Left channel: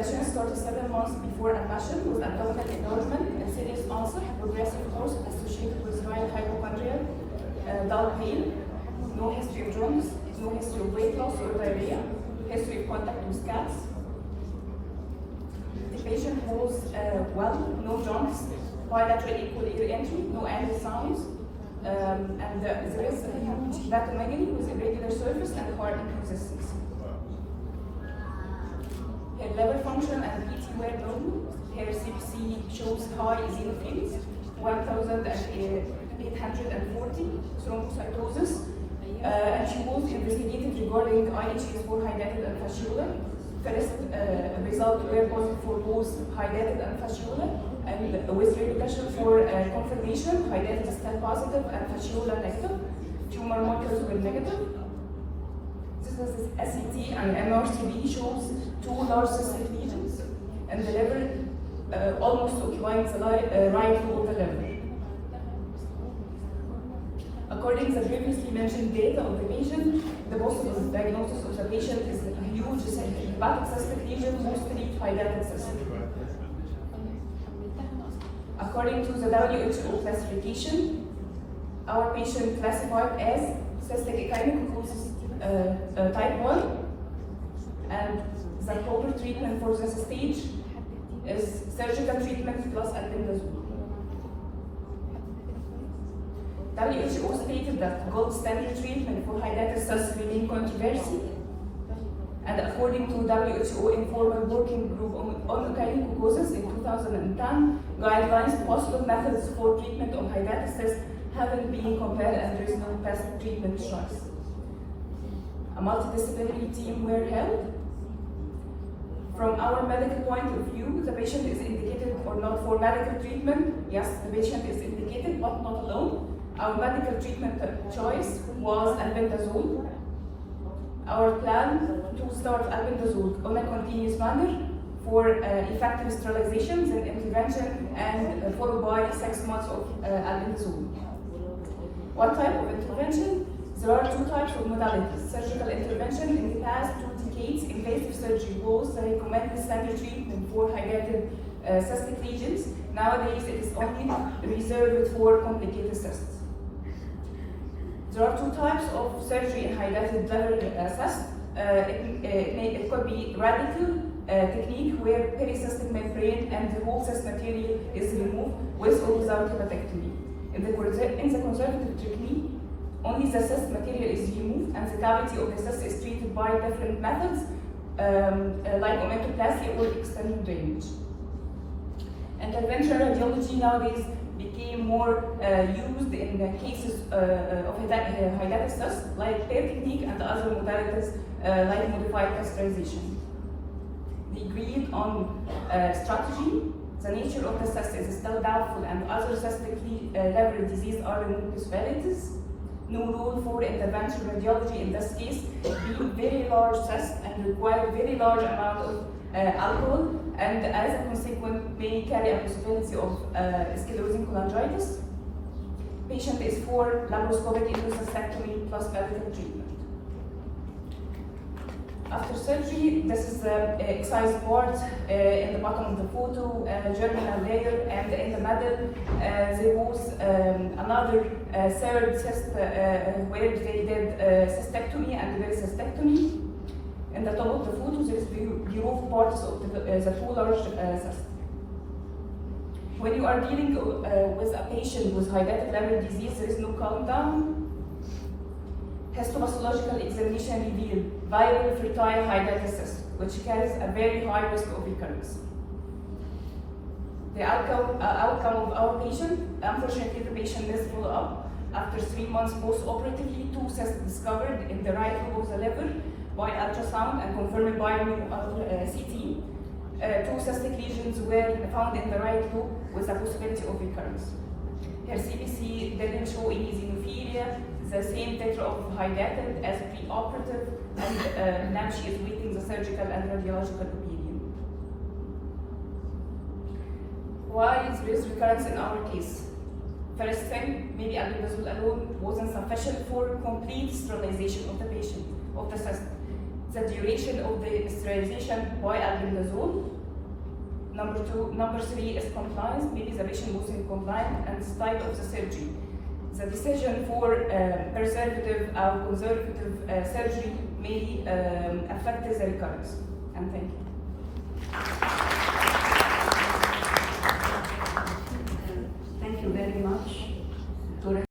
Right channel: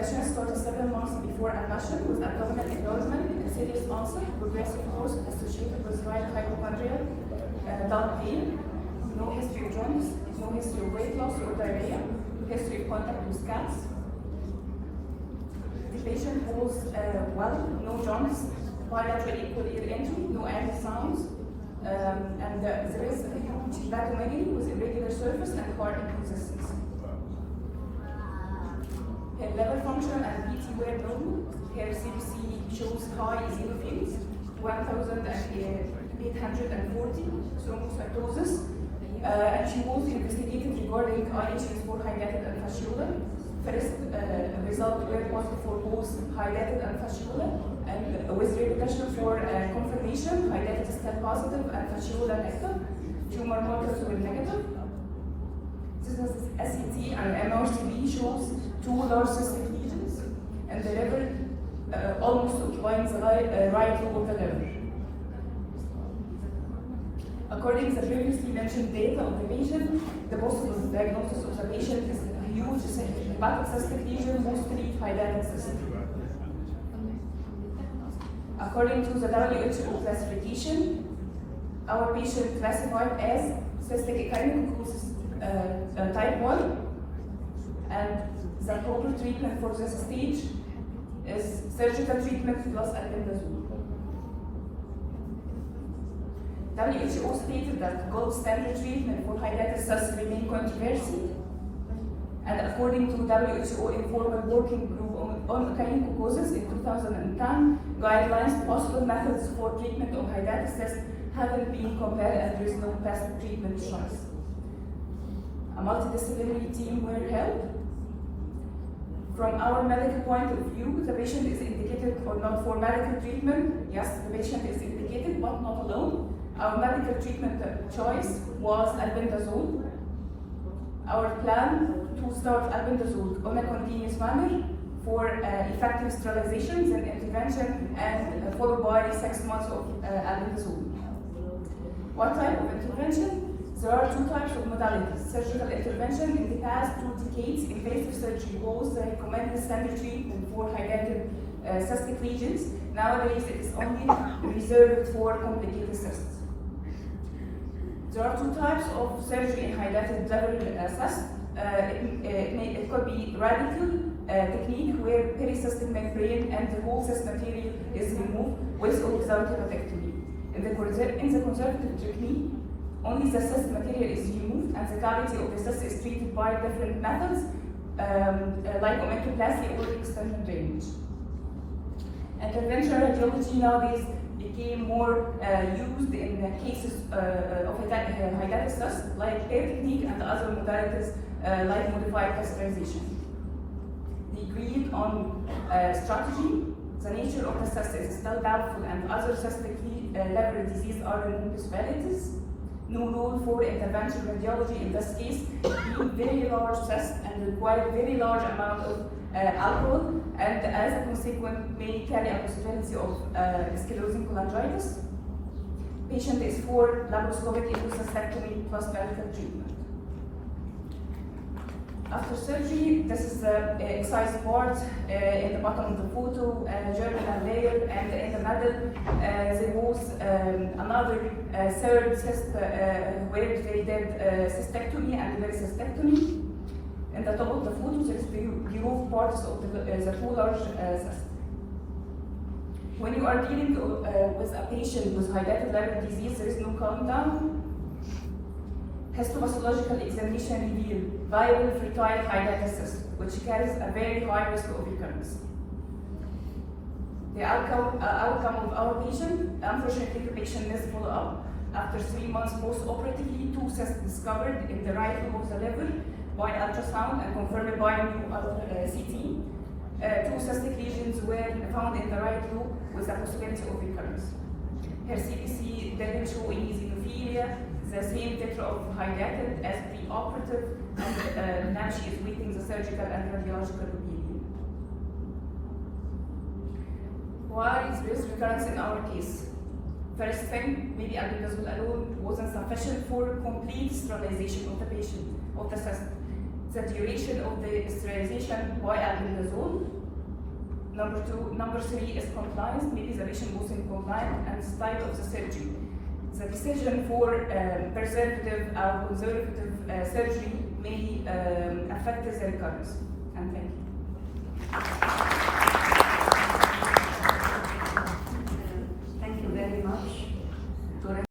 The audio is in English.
condition started 7 months before admission with abdominal enlargement and serious ulcer, progressive course associated with mild hypochondria, dull pain, no history of jaundice, no history of weight loss or diarrhea, history of contact with cats. The patient was well, no jaundice, bilateral equal ear entry, no added sounds, and there is a huge hepatomegaly with irregular surface and hard inconsistency. Her liver function and PT were normal. Her CBC shows high eosinophils, 1,840 thrombocytosis, and she was investigated regarding IHs for hydatid and fasciola. First result were positive for both hydatid and fasciola, and with repercussion for confirmation, hydatid is still positive and fasciola negative. Tumor markers were negative. SCT and MRCB shows 2 large cystic lesions, and the liver almost occupying the right lobe of the liver. According to the previously mentioned data of the patient, the possible diagnosis of the patient is a huge hepatic cystic lesion, mostly hydatid cystic. According to the WHO classification, our patient classified as cystic echinococosis type 1, and the proper treatment for this stage is surgical treatment plus albendazole. WHO stated that gold standard treatment for hydatid cystic remain controversy, and according to WHO informal working group on echinococosis in 2010 guidelines, possible methods for treatment of hydatid cysts haven't been compared, and there is no best treatment choice. A multidisciplinary team were held. From our medical point of view, the patient is indicated or not for medical treatment. Yes, the patient is indicated, but not alone. Our medical treatment choice was albendazole. Our plan to start albendazole on a continuous manner for effective sterilizations and intervention, and followed by 6 months of albendazole. What type of intervention? There are 2 types of modalities. Surgical intervention. In the past 2 decades, invasive surgery was the recommended standard treatment for hydatid cystic lesions. Nowadays, it is only reserved for complicated cysts. There are 2 types of surgery in hydatid liver cysts. It could be radical technique where pericystic membrane and the whole cyst material is removed with or without hepatectomy. In the conservative technique, only the cyst material is removed and the cavity of the cyst is treated by different methods like omentoplasty or external drainage. Interventional radiology nowadays became more used in cases of hydatid cysts like PAIR technique and other modalities like modified catheterization. The agreed on strategy. The nature of the cyst is still doubtful, and other cystic liver disease are removed possibilities. No rule for interventional radiology in this case, being very large cysts and require very large amount of alcohol, and as a consequence may carry a possibility of sclerosing cholangitis. Patient is for laparoscopic endocystectomy plus medical treatment. After surgery, this is the excised part in the bottom of the photo, germinal layer, and in the middle there was another third cyst where they did cystectomy and cystectomy. In the top of the photo, there is removed parts of the 2 large cysts. When you are dealing with a patient with hydatid liver disease, there is no countdown. Histopathological examination revealed viable fertile hydatid cyst, which carries a very high risk of recurrence. The outcome of our patient, unfortunately, the patient missed follow-up. After 3 months post-operatively, 2 cysts discovered in the right lobe of the liver by ultrasound and confirmed by new CT. 2 cystic lesions were found in the right lobe with a possibility of recurrence. Her CBC didn't show any eosinophilia, the same titer of hydatid as pre-operative, and now she is waiting the surgical and radiological opinion. Why is this recurrence in our case? First thing, maybe albendazole alone wasn't sufficient for complete sterilization of the patient, of the cyst. the duration of the sterilization by albendazole. Number 3 is compliance. Maybe the patient wasn't compliant, and style of the surgery. The decision for preservative or conservative surgery may affect the recurrence. And thank you.